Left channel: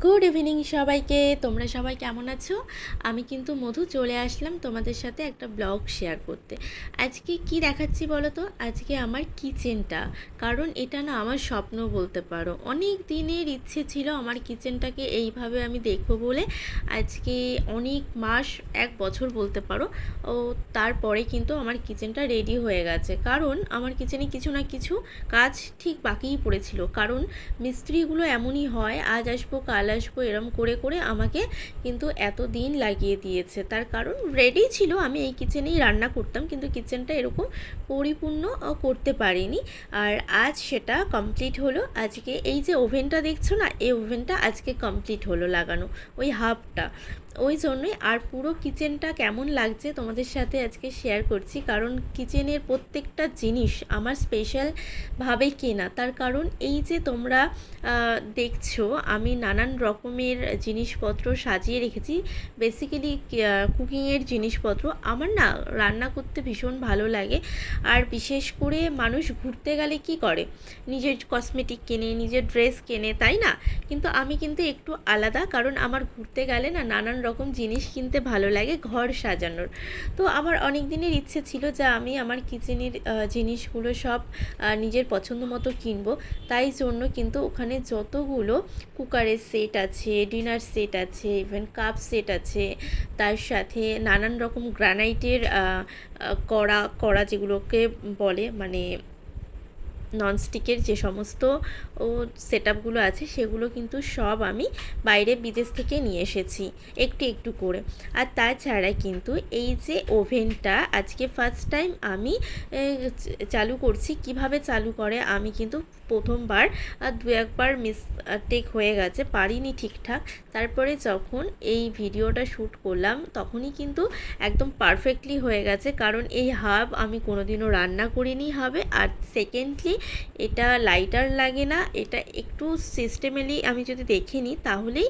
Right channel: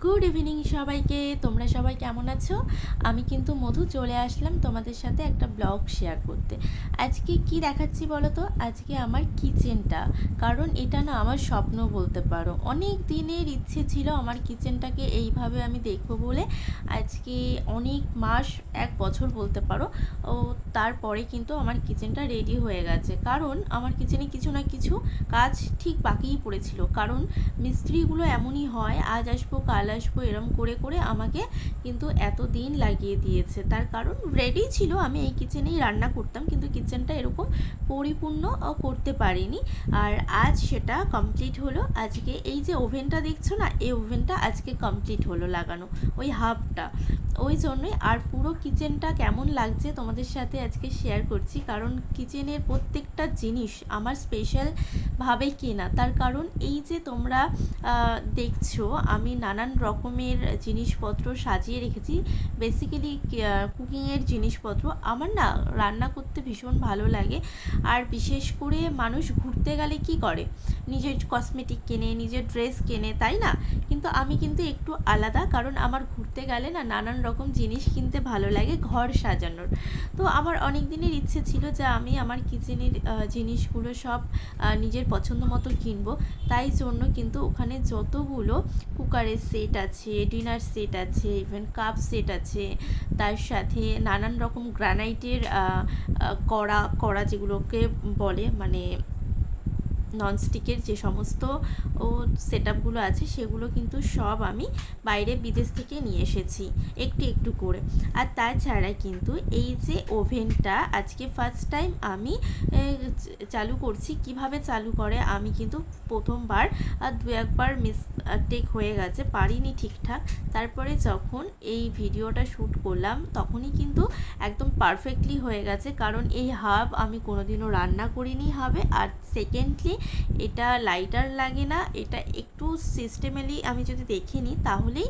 Good evening সবাইকে। তোমরা সবাই কেমন আছো? আমি কিন্তু মধু চলে আসলাম তোমাদের সাথে একটা ব্লগ শেয়ার করতে। আজকে কি দেখাচ্ছি বলো তো? আজকে আমার কিচেনটা, কারণ এটা না আমার স্বপ্ন বলতে পারো। অনেক দিনের ইচ্ছে ছিল আমার কিচেনটাকে এইভাবে আমি দেখবো বলে। আজকে অনেক মাস, 1 বছর বলতে পারো। ও তারপরে কিন্তু আমার কিচেনটা রেডি হয়ে গেছে, কারণ আমার কিচেনে কিছু না কিছু কাজ ঠিক বাকিই পড়েছিল। কারণ মিস্ত্রিগুলো এমনই হয়, আজ আসবো কাল আসবো এরম করে করে আমাকে কিন্তু এত দিন লাগিয়ে দিয়েছে। তার কারণ রেডি ছিল, আমি এই কিচেনেই রান্না করতাম, কিন্তু কিচেনটা এরকম পরিপূর্ণ করতে পারিনি। আর আজ সেটা কমপ্লিট হলো। আজকে এই যে ওভেনটা দেখছো না, এই ওভেনটা আজকে কমপ্লিট হলো লাগানো, ওই হাফটা। ওই জন্যই। আর পুরো কিচেনটা কেমন লাগছে তোমাদের সাথে আজকে শেয়ার করছি, কারণ কিচেনের প্রত্যেকটা জিনিস আমার স্পেশালভাবে কেনা। তার কারণ এই যে তোমরা দেখছো আমি নানান রকমের জিনিসপত্র সাজিয়ে রেখেছি। বেসিক্যালি কুকিংয়ের জিনিসপত্র। আমার না রান্না করতে ভীষণ ভালো লাগে। আর বিশেষ করে মানুষ ঘুরতে গেলে কি করে, নিজের কসমেটিক কেনে, নিজের ড্রেস কেনে, তাই না? কিন্তু আমি কিন্তু একটু আলাদা, কারণ আমার ঘুরতে গেলে না নানান রকম জিনিস কিনতে ভালো লাগে ঘর সাজানোর। তো আমার অনেক দিনের ইচ্ছে ছিল যে আমি আমার কিচেনের জিনিসগুলো সব নিজের পছন্দ মতো কিনবো। তাই জন্য কিন্তু ওখানে যতগুলো কুকারের সেট আছে, ডিনার সেট আছে, ইভেন কাপ সেট আছে, তার সাথে নানান রকম গ্রানাইটের কড়া কড়া যেগুলোকে বলে, মানে ননস্টিকের যে সমস্ত সেট আপগুলো আছে সেগুলো কিন্তু সব আমি বাইরে বিদেশ থেকে নিয়ে এসেছি একটু একটু করে। আর তাছাড়া কিন্তু এই যে ওভেনটা আজকে ফার্স্ট টাইম আমি চালু করছি। কিভাবে চালু করে আমি কিন্তু প্রথমবার দু একবার মিস্টেক হয়ে গেছে, পারিনি ঠিকঠাক। তারপরে যখন এই ভিডিওটা শ্যুট করলাম তখনই কিন্তু একদম পারফেক্টলি হয়ে গেছে, কারণ এই হাব আমি কোনোদিনও রান্না করিনি হাবে। আর সেকেন্ডলি এটা লাইটার লাগে না, এটা একটু সিস্টেমেলি আমি যদি দেখে নিই তাহলেই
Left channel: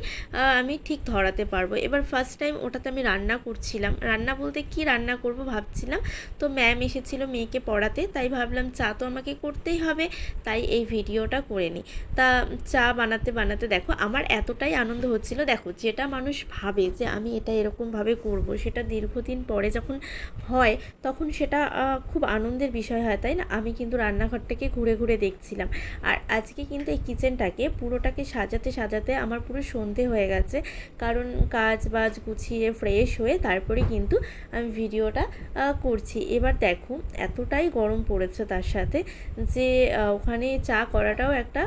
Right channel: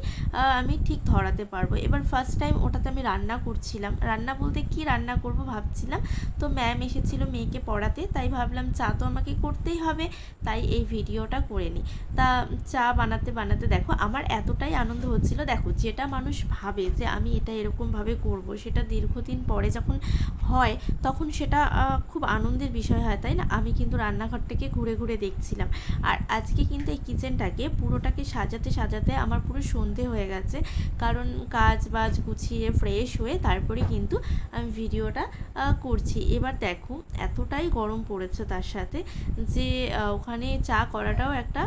আমি ঠিক ধরাতে পারবো। এবার ফার্স্ট টাইম ওটাতে আমি রান্না করছিলাম, রান্না বলতে কি রান্না করব ভাবছিলাম। তো ম্যাম এসেছিলো মেয়েকে পড়াতে, তাই ভাবলাম চা তো আমাকে করতেই হবে, তাই এই ভিডিওটা করে নিই। তা চা বানাতে বানাতে দেখো আমার এতটাই আনন্দ হচ্ছিল। দেখো যেটা মানুষ ভাবে যে আমি এটা এরকমভাবে করব, সেটা দীর্ঘদিন পরে যখন হয় তখন সেটা খুব আনন্দের বিষয় হয়, তাই না? আমি কিন্তু রান্নাঘরটাকে ঘুরে ঘুরে দেখছিলাম। আর আজকে কিন্তু এই কিচেনটাকে পুরোটাকে সাজাতে সাজাতে আমার পুরো সন্ধে হয়ে গেছে, কারণ কাজ বাজ গুছিয়ে ফ্রেশ হয়ে তারপরে কিন্তু আমি ভিডিওটা করছি। এবার দেখো এতটাই গরম পড়েছে, তার সাথে যে ওখানে চা করাটাও একটা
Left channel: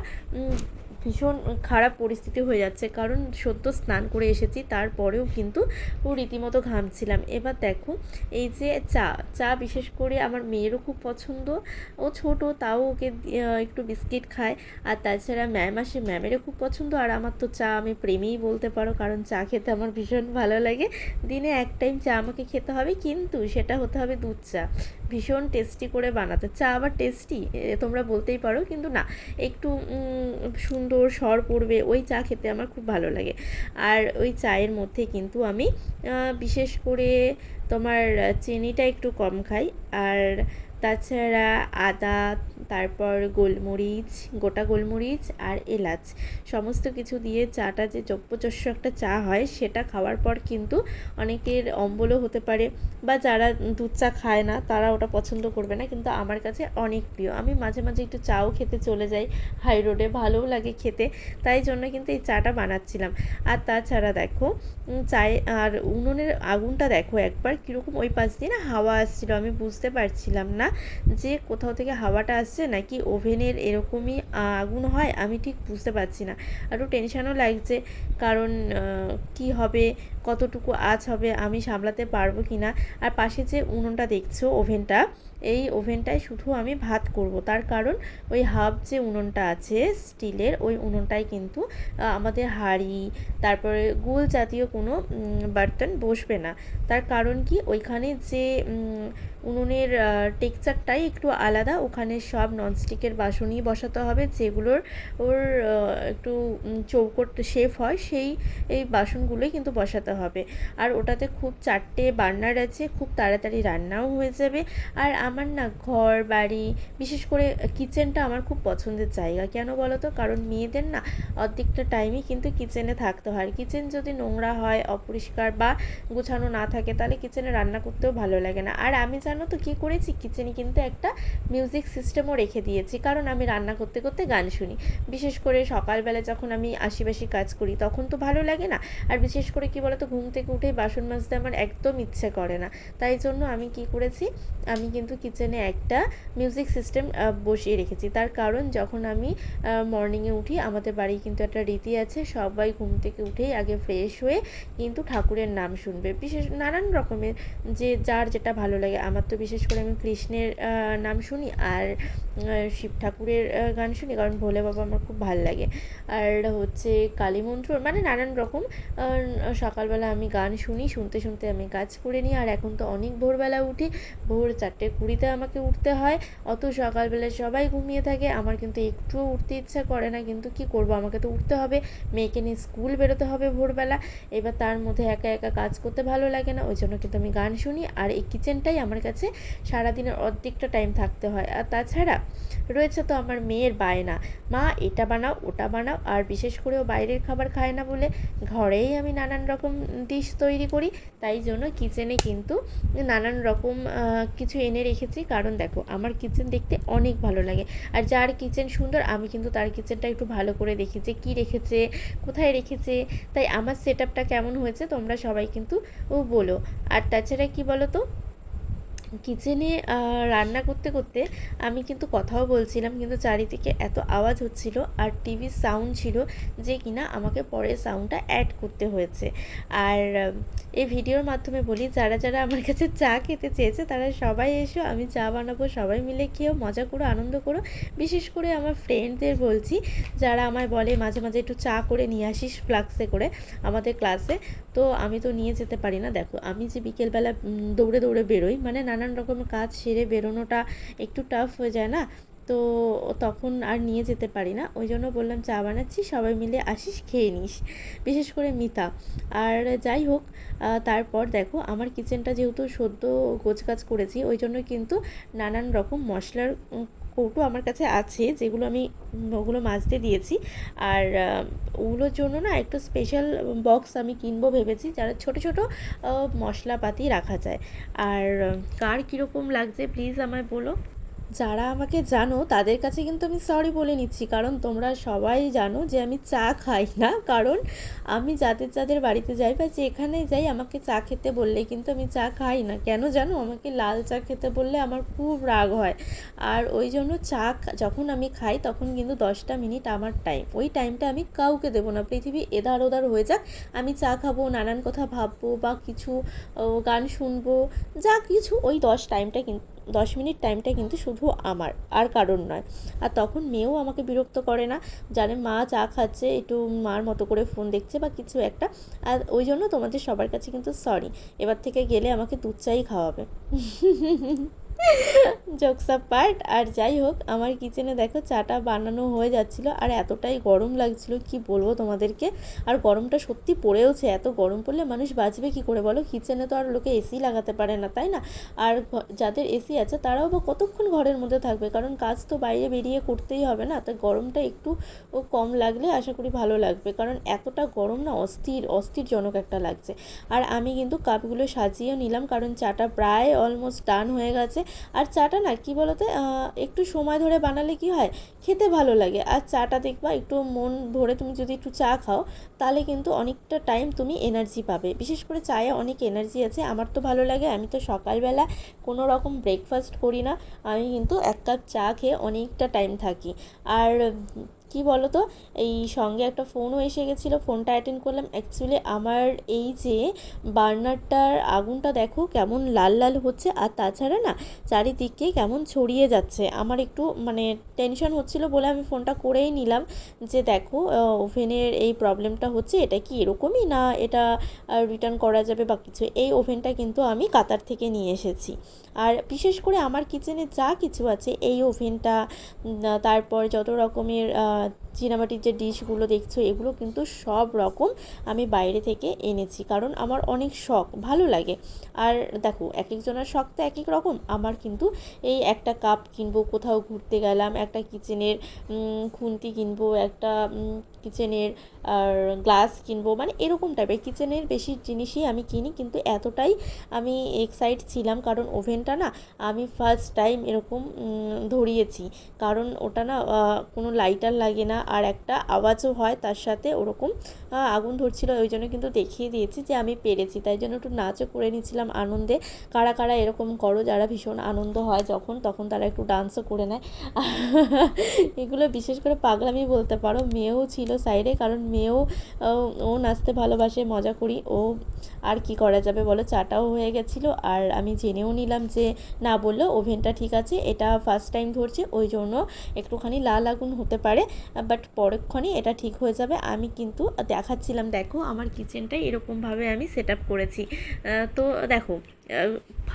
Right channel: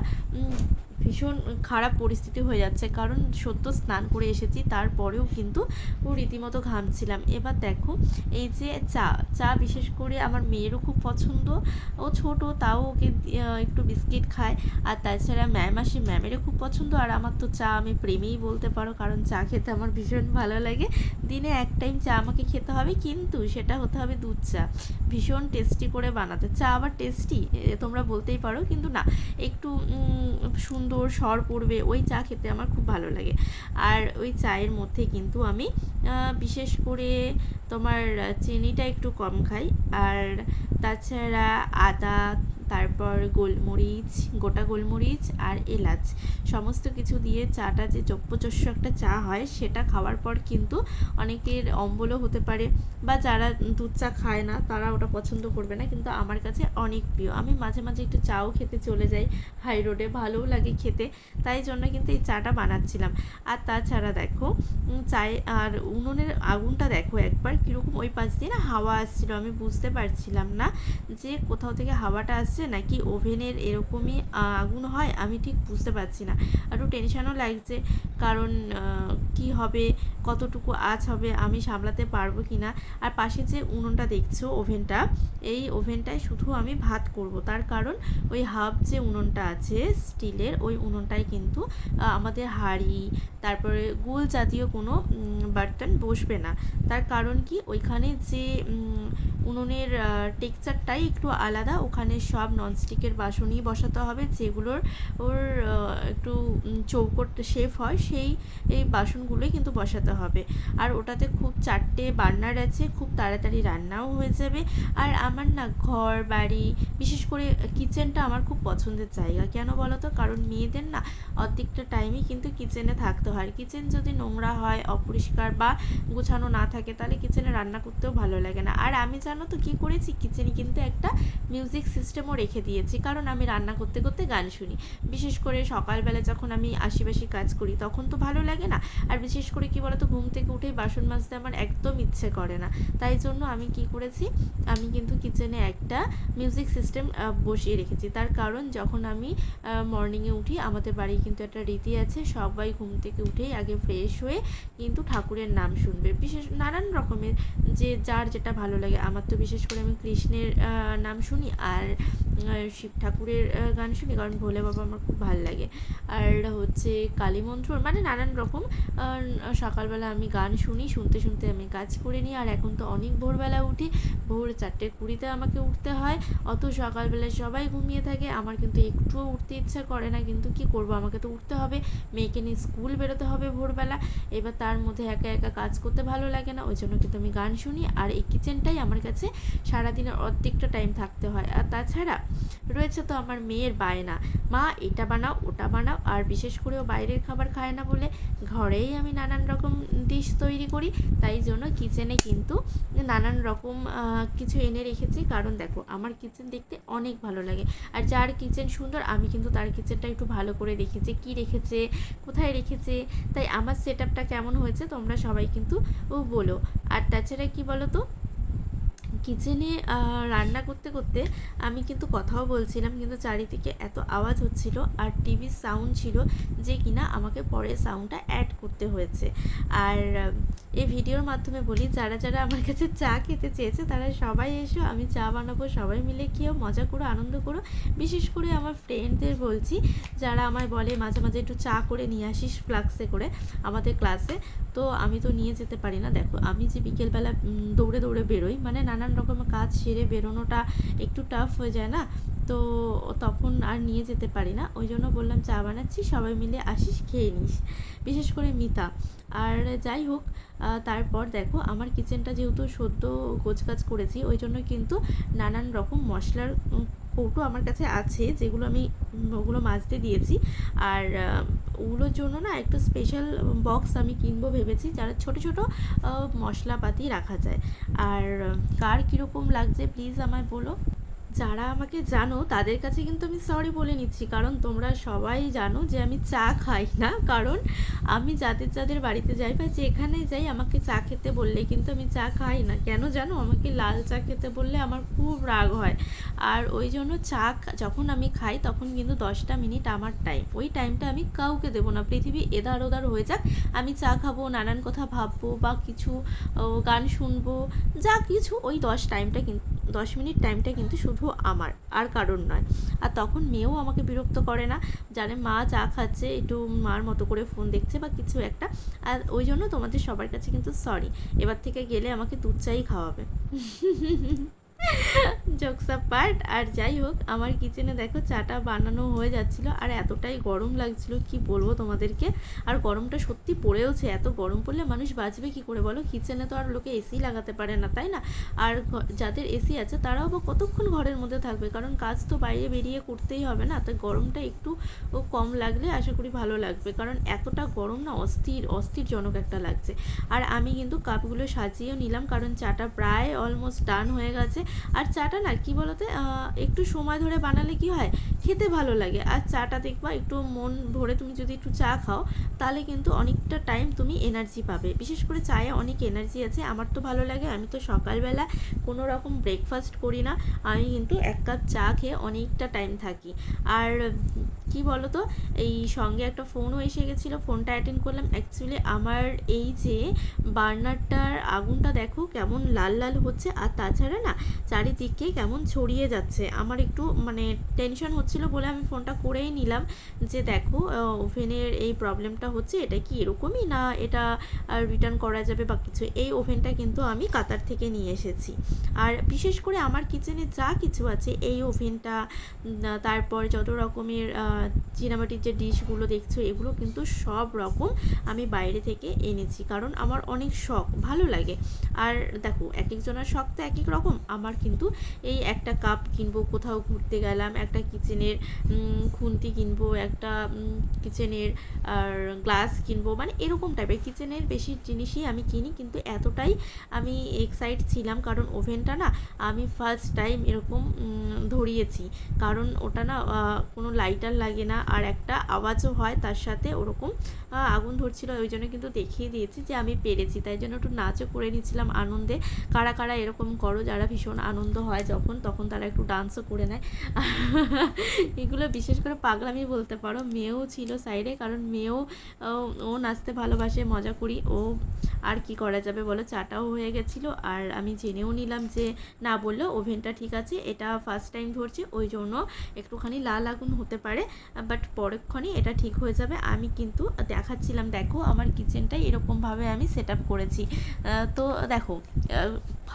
ভীষণ খারাপ পরিস্থিতি হয়ে যাচ্ছে, কারণ সদ্য স্নান করে এসেছি, তারপরেও কিন্তু রীতিমতো ঘামছিলাম। এবার দেখো এই যে চা চা বিশেষ করে আমার মেয়েরও খুব পছন্দ, ও ছোট তাও ওকে একটু বিস্কিট খায়। আর তাছাড়া ম্যাম আসে, ম্যামেরও খুব পছন্দ। আর আমার তো চা আমি প্রেমেই বলতে পারো, কারণ চা খেতে আমার ভীষণ ভালো লাগে। দিনে এক টাইম চা আমাকে খেতে হবে, কিন্তু সেটা হতে হবে দুধ চা, ভীষণ টেস্টি করে বানাতে। চা আবার টেস্টি তোমরা বলতেই পারো, কিন্তু না, একটু সুন্দর স্বর পড়বে ওই চা খেতে আমার খুব ভালো লাগে। আর ওই চায়ের মধ্যে কিন্তু আমি বিশেষ করে তোমার চিনিটা একটু কম খাই। আর তাছাড়া আদা, তারপর গোলমরিচ, গোটা গোলমরিচ আর এলাচ সমস্ত কিছু দিয়ে চাটা যে চপ্পচস্য একটা চা হয়, সেটা খাওয়ার পর কিন্তু অনেকের অম্বলও হতে পারে, বা যারা দুধ চা খায় না তারা ওটা পছন্দ করবে না, কিন্তু আমার কাছে অনেক প্রিয়। আমি মাঝে মাঝে একটু চাও খেতে চলে যাই হাই রোডে, ভালোও লাগে খেতে, তাই জন্য কিন্তু এই চাটা বানাচ্ছিলাম। আর তাছাড়া দেখো চায়ে আর উনুনের আগুনটা দেখো একবার কীরকম ওই পাশ দিয়ে না হাওয়া আসছিলো, আমি বুঝতে পারছিলাম না যে কোথাও থেকে হাওয়াটা আসছে নাকি ওভেনের এরকমই আগুন হয়, আমি ঠিক বুঝতে পারছি না। একটু টেনশানও লাগছে, কারণ কি হবে, কতটুকু আঁচ হবে, আমি সামলাতে পারবো কি না। আর পাশে যে উনুনটা দেখছো ওভেনটা, এই ওভেনটায় শুধু আমি ভাত করব, তার কারণ ওই হাফ যে উনুনটা আছে স্টিলের, ওই উনুনটায় কিন্তু আমাদের হাঁড়ি, তারপরে গোল জাতীয় কোনো বার্তন বসবে না। তার কারণ কি, ওইখানে যে উনুনের টেক্সচারটাই একটু আলাদা, ওখানে সব সব ননস্টিকের বাসনই বসাতে হবে, যেগুলোর ওর একটু চৌকোট শেপ হয়, এই বাসনগুলোই কিন্তু বসাতে হবে। আর ওটাতে খুব 4টে বার্নার আছে, খুব তাড়াতাড়ি রান্নাও হয়ে যাবে। আর আমার না ঘর বাড়ি, বিশেষ করে কিচেনটা আমার খুব পছন্দের জায়গা। কেন বলো তো? কারণ মেয়েদের না অর্ধেকটা টাইমই কিন্তু কিচেনে থাকতে হয়। কিচেন যদি নোংরা হয়, অপরিষ্কার বা গোছানো না থাকে, তাহলে কিচেনে রান্না করতেও ভালো লাগে না। আর আমি জানো তো কী করেছি, কিচেনে কিন্তু একটা মিউজিক সিস্টেমও রেখে দিয়েছি, কারণ আমি রান্না করতে করতে গান শুনি। বিশেষ করে সকালবেলা যখন আমি আশিবাসি কাজ করি তখন তো ভালো লাগে না। আর বিশেষ করে কী বলো তো, ঘুম থেকে উঠেই বাসন মাজতে আমার একদম ইচ্ছে করে না। তাই জন্য আমি কি করেছি, আমি কিন্তু কিচেনে একটা মিউজিক সিস্টেম বসিয়ে রেখেছি। তার কারণ যখন আমি মর্নিংয়ে উঠি, আমাদের বাড়ি কিন্তু একটা রীতি আছে, সবাই ঘুম থেকে উঠেই আগে ফ্রেশ হয়ে কিন্তু ঠাকুরের নাম শুনবে। বিশেষ নানান রকমের, যে যার যেটা ভালো লাগে। আমার তো বিশেষ করে আমি কৃষ্ণের নাম শুনি, আর শিব ঠাকুরের গান শুনি, কারণ ভোলে বাবা আমার খুব ভালো লাগে। আর হচ্ছে কালী মন্ত্র, মানে নানান রকম। সকালবেলা আমি গান শুনি, শুনতে শুনতে আমি কাজ করে নিই। আর এখন তো অনেক ভোরবেলা উঠি, ভোর 4:20 আমাকে উঠতে হয়। অত সকালবেলা সবাই ঘুমিয়ে থাকে, আমার কিন্তু একটুও উঠতে ইচ্ছা করে না, কিন্তু কি করব, আমাকে তো উঠতে হবে। মেয়েকে নিয়ে স্কুল বেরোতে হবে ভোরবেলা। এবার তার মধ্যে একা একা কাজ করতে ভালো লাগে না, ওই জন্য কিন্তু আমি গান শুনি। আর এই কিচেনটাই আমার কাছে সারাদিনের অর্ধেকটা টাইম থাকতে হয়। আর তাছাড়া রয়েছে তো আমার মেয়ের বায়না, মা এটা বানাও ওটা বানাও। আর বিশেষ করেও বাইরের খাবার খায় না বলে ঘরেই আমি নানান রকম ডিশ তৈরি করি। তাই জন্য কিচেনে কিন্তু নানান রকম কিছু এনে রেখেছি, কারণ দেখো আমার কিচেন দেখতে অনেক ভালো লাগে। আর যার কিচেন সুন্দর, আমি কিন্তু তার কিচেনটা একটু ভালো করে দেখি যে কী রেখেছে, কোথায় রেখেছে। তাই আমার সেটআপটা কেমন হয়েছে তোমরা সবাই কিন্তু বলো। আর তাছাড়া কি বলো তো, কিচেনে রান্না করতে করতে আমি কিন্তু কথাও বলছিলাম, কিন্তু চারিদিকে এত আওয়াজ হচ্ছিল আর টিভির সাউন্ড ছিল, যে কিনা আমাকে পরে সাউন্ডটা অ্যাড করতে হয়েছে। আর এই ভিডিওর মাধ্যমে বলি, যারা যারা আমার কাছে চা খেতে চেয়েছে তারা সবাই এসো, আমি চা বানাবো, সবাই মিলে খেয়েও মজা করো, আনন্দ করো। বিশেষ করে আমার ফ্রেন্ডদের বলছি, যারা আমায় বলে মাঝে মাঝে একটু চা করে নিয়ে আসিস ফ্লাক্সে করে আমাদের ক্লাসে। তো আমি তো নিয়ে যেতে পারি না। দেখো আমি যে বিকেলবেলা দৌড়ে দৌড়ে বেরোই, মানে নানান রকমের কাজ সেরে বেরোনোটা একটু টাফ হয়ে যায় না, তো তখন আর নিয়ে যেতে পারি না। ওই জন্য বললাম চা বানাচ্ছি, সবাই মিলে আসিস, খেয়ে নিস, বিশেষ করে মিতা। আর যাই হোক, তারপর দেখো আমার কিচেনটা যেহেতু সদ্য গোছগাছ করেছি, ওই জন্য কিন্তু নানান রকম মশলার কৌটো আমার কাছে আছে, যেগুলো আমি ওগুলো মাজতে দিয়েছি। আর ওগুলোর জন্য না একটু স্পেশাল বক্স আমি কিনবো ভেবেছি, যারা ছোট ছোট মশলাপাতি রাখা যায়। আর কার কীরকম লাগছে প্লিজ আমায় বলো। যারা আমাকে জানো তাদের কাছে কিন্তু আমি সরি বলে নিচ্ছি, কারণ তোমরা সবাই জানো যে আমি চা খাই না। কারণ আমি যাদের যাদের বাড়িতে যাই বা যেখানেই যাই, আমাকে চা খেতে বললে কিন্তু আমি চা খাই না। কেন জানো? আমাকে লাল চা খেতে বললে আমার খুব রাগ হয়। আর ওই জন্য যখন আমি খাই তখন কিন্তু 10টা মিনিট আমার টাইম, ওই টাইমটা আমি কাউকে দেবো না। পৃথিবী এধার ওধার হয়ে যাক, আমি চা খাবো, নানান কথা ভাববো বা কিছু গান শুনবো, যা কিছু, ওই 10 মিনিট টাইমটা কিন্তু শুধু আমার, আর কারণ নয়। আর তখন মেয়েও আমাকে বিরক্ত করে না, জানে মা চা খাচ্ছে, একটু মার মতো করে ফোন দেখছে বা কিছু একটা। আর ওই জন্য তোমাদের সবার কাছে কিন্তু সরি, এবার থেকে গেলে আমাকে দুধ চাই খাওয়াবে। Jokes part. আর যাই হোক, আমার কিচেনে দেখো চাটা বানানো হয়ে যাচ্ছিলো, আর এতটাই গরম লাগছিল কি বলবো তোমাদেরকে। আর গরমটা সত্যি পড়েওছে, এত গরম পড়লে মানুষ বাঁচবে কি করে বলো? কিচেনে তো আর লোকে এসি লাগাতে পারে না, তাই না? আর যাদের এসি আছে তারাও বা কতক্ষণ ঘরের মধ্যে থাকবে, কারণ কাজ তো বাইরে বেরিয়ে করতেই হবে না। তাই গরমটা একটু কম লাগলে আশা করি ভালো লাগবে, কারণ এতটা গরম না, অস্থিরজনক একটা লাগছে। আর আমি কিন্তু কাপগুলো সাজিয়েও নিলাম, কারণ চাটা প্রায় অলমোস্ট ডান হয়ে গেছে। আর চাটা না কি বলতে, একটু সময় ধরে বানালে কি হয়, খেতে ভালো লাগে। আর চাটা দেখবা একটু মন ভরে তুমি যদি একটু চা খাও, তাহলে কিন্তু অনেকটা টাইম তুমি এনার্জি পাবে। বিশেষ করে চায়ে অনেক এনার্জি আছে, আমার তো ভালো লাগে। আমি তো সকালবেলা কোনো রকম ব্রেকফাস্ট করি না, আমি কিন্তু 1 কাপ চা খেয়ে অনেকটা টাইম থাকি। আর কি বলো তো, এই সঙ্গে একটা ফোনও এসে গেছিলো, ফোনটা অ্যাটেন্ড করলাম। অ্যাকচুয়ালি আমার এই যে বার্নারটার আগুনটা দেখো কেমন লাল লাল হচ্ছে, আর তাছাড়া না চারিদিকে কেমন ছড়িয়ে যাচ্ছে। আমার একটু মানে টেনশন হচ্ছিলো বলে আমি ফোনটা করেই নিলাম যে দেখো ওভেনের এই প্রবলেমটা হচ্ছে, এটা কি এরকমই না এটা রিটার্ন করা যাবে বা কিছু। এই ওভেনটা কিন্তু আমি কাতার থেকে নিয়ে এসেছি। আর বিশেষ করে আমার কিচেনে যা কিছু আছে, এই ওভেনটা, তারপর যত রকমের চীনামাটির যে ডিশগুলো দেখছো, এগুলো কিন্তু সব রকম আমি বাইরে থেকে এনেছি, কারণ আমার অনেক শখ, ভালো লাগে। আর দেখো এক একজনের শখ তো এক এক রকম। আমার কিন্তু এই একটা কাপ কিনবো, কোথাও ঘুরতে গেলাম, একটা কিচেনের খুন্তি কিনবো, একটা কিচেনের আর গ্লাস কিনবো, মানে এরকম টাইপের কিচেনের বেশি জিনিসই আমি কিনি। কিন্তু এতটাই আমি এক্সাইট ছিলাম কারণ ওভেনটা না আমি ফার্স্ট টাইম এরকম ধরিয়েছি, কারণ ওটা না কোনো লাইটার লাগে না, আর একটা আওয়াজও হয় তার সাথে, ওরকম আগুন ধরছিল। ওই জন্য কিন্তু দেখিয়ে দিয়েছি যে আমি পেরেছি, তাই জন্য একটু নাচও করে নিয়েছিলাম আনন্দে। কারা কারা এরকম করো, যারা ভীষণ আনন্দ হয় যখন, তখন তারা একটু ডান্সও করে নেয়। এগুলো বিশেষ করে পাগলামি বলতে পারো। মেয়েও ছিল সাইডে, কারণ মেয়েও ও নাচতে ভালোবাসে, মজা করি ও। আর কি করা যাবে বলো, চাটাও হয়ে গেছিলো, আর আমি জেনেও নিলাম যে না বললেও ওভেনটা ঠিক আছে, এটা ফার্স্ট টাইম ধরছে, ওই জন্য একটুখানি লাল আগুন হতে পারে, বাট পরক্ষণই এটা ঠিক হয়ে যাবে। আমি কিন্তু দেখাচ্ছিলাম, দেখো আমার কিচেনটাই এরকমভাবে আমি সেট আপ করেছি। তো দেখো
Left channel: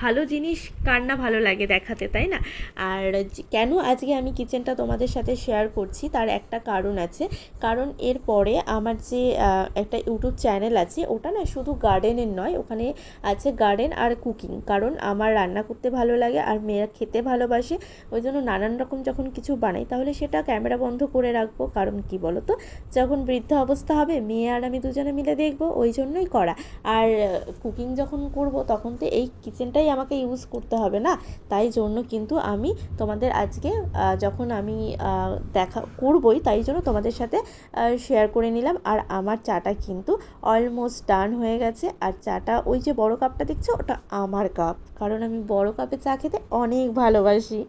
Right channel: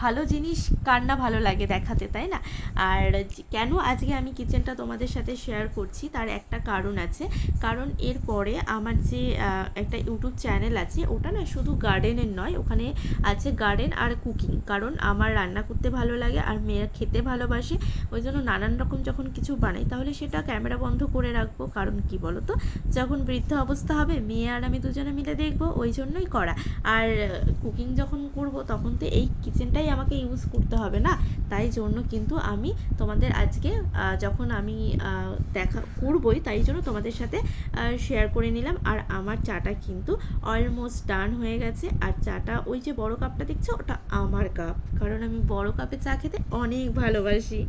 ভালো জিনিস কার না ভালো লাগে দেখাতে, তাই না? আর কেন আজকে আমি কিচেনটা তোমাদের সাথে শেয়ার করছি তার একটা কারণ আছে। কারণ এরপরে আমার যে একটা ইউটিউব চ্যানেল আছে, ওটা না শুধু গার্ডেনের নয়, ওখানে আছে গার্ডেন আর কুকিং। কারণ আমার রান্না করতে ভালো লাগে আর মেয়েরা খেতে ভালোবাসে, ওই জন্য নানান রকম যখন কিছু বানাই তাহলে সেটা ক্যামেরা বন্ধ করে রাখবো। কারণ কি বলো তো, যখন বৃদ্ধ অবস্থা হবে মেয়ে আর আমি দুজনে মিলে দেখবো, ওই জন্যই করা। আর কুকিং যখন করব তখন তো এই কিচেনটাই আমাকে ইউজ করতে হবে না, তাই জন্য কিন্তু আমি তোমাদের আজকে যখন আমি দেখা করবই, তাই জন্য তোমাদের সাথে শেয়ার করে নিলাম। আর আমার চাটা কিন্তু অলমোস্ট ডান হয়ে গেছে। আর চাটা ওই যে বড় কাপটা দেখছো, ওটা আমার কাপ, কারণ আমি বড় কাপে চা খেতে অনেক ভালোবাসি।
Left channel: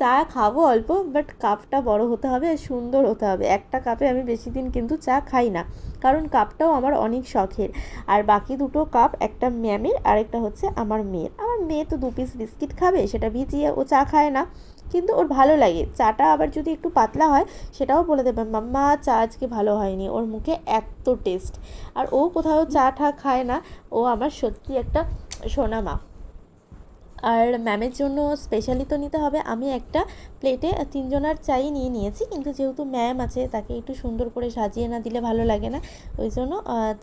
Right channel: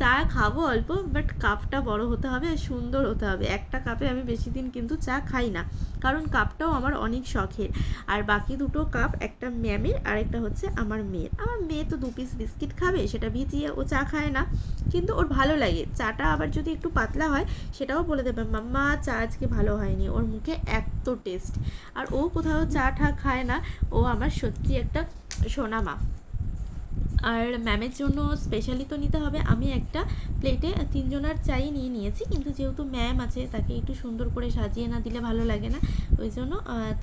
চা খাবো অল্প, বাট কাপটা বড় হতে হবে, সুন্দর হতে হবে। একটা কাপে আমি বেশি দিন কিন্তু চা খাই না, কারণ কাপটাও আমার অনেক শখের। আর বাকি দুটো কাপ, একটা ম্যামের আর একটা হচ্ছে আমার মেয়ের। আমার মেয়ে তো 2 পিস বিস্কিট খাবে, সেটা ভিজিয়ে ও চা খায় না, কিন্তু ওর ভালো লাগে চাটা। আবার যদি একটু পাতলা হয় সেটাও বলে দেবে, মাম্মা চা আজকে ভালো হয়নি, ওর মুখে এত টেস্ট। আর ও কোথাও চা টা খায় না, ও আমার সত্যি একটা সোনা মা। আর ম্যামের জন্য স্পেশালি তো নিতে হবে। আমি একটা প্লেটে 3 জনার চাই নিয়ে নিয়েছি, কিন্তু যেহেতু ম্যাম আছে তাকে একটু সুন্দর করে সাজিয়ে না দিলে ভালো লাগে না, ওই জন্য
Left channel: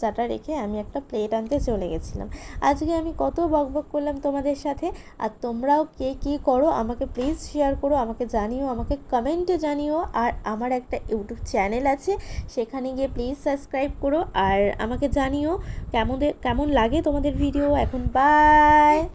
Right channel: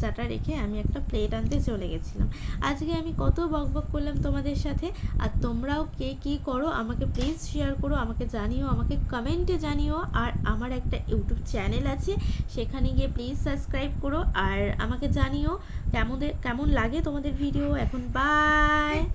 চাটা রেখে আমি একটা প্লেট আনতে চলে গেছিলাম। আজকে আমি কত বকবক করলাম তোমাদের সাথে। আর তোমরাও কে কী করো আমাকে প্লিজ শেয়ার করো, আমাকে জানিও, আমাকে কমেন্টে জানিও। আর আমার একটা ইউটিউব চ্যানেল আছে, সেখানে গিয়ে প্লিজ সাবস্ক্রাইব করো, আর আমাকে জানিও কেমন কেমন লাগে তোমাদের ভিডিও। এখন বাই।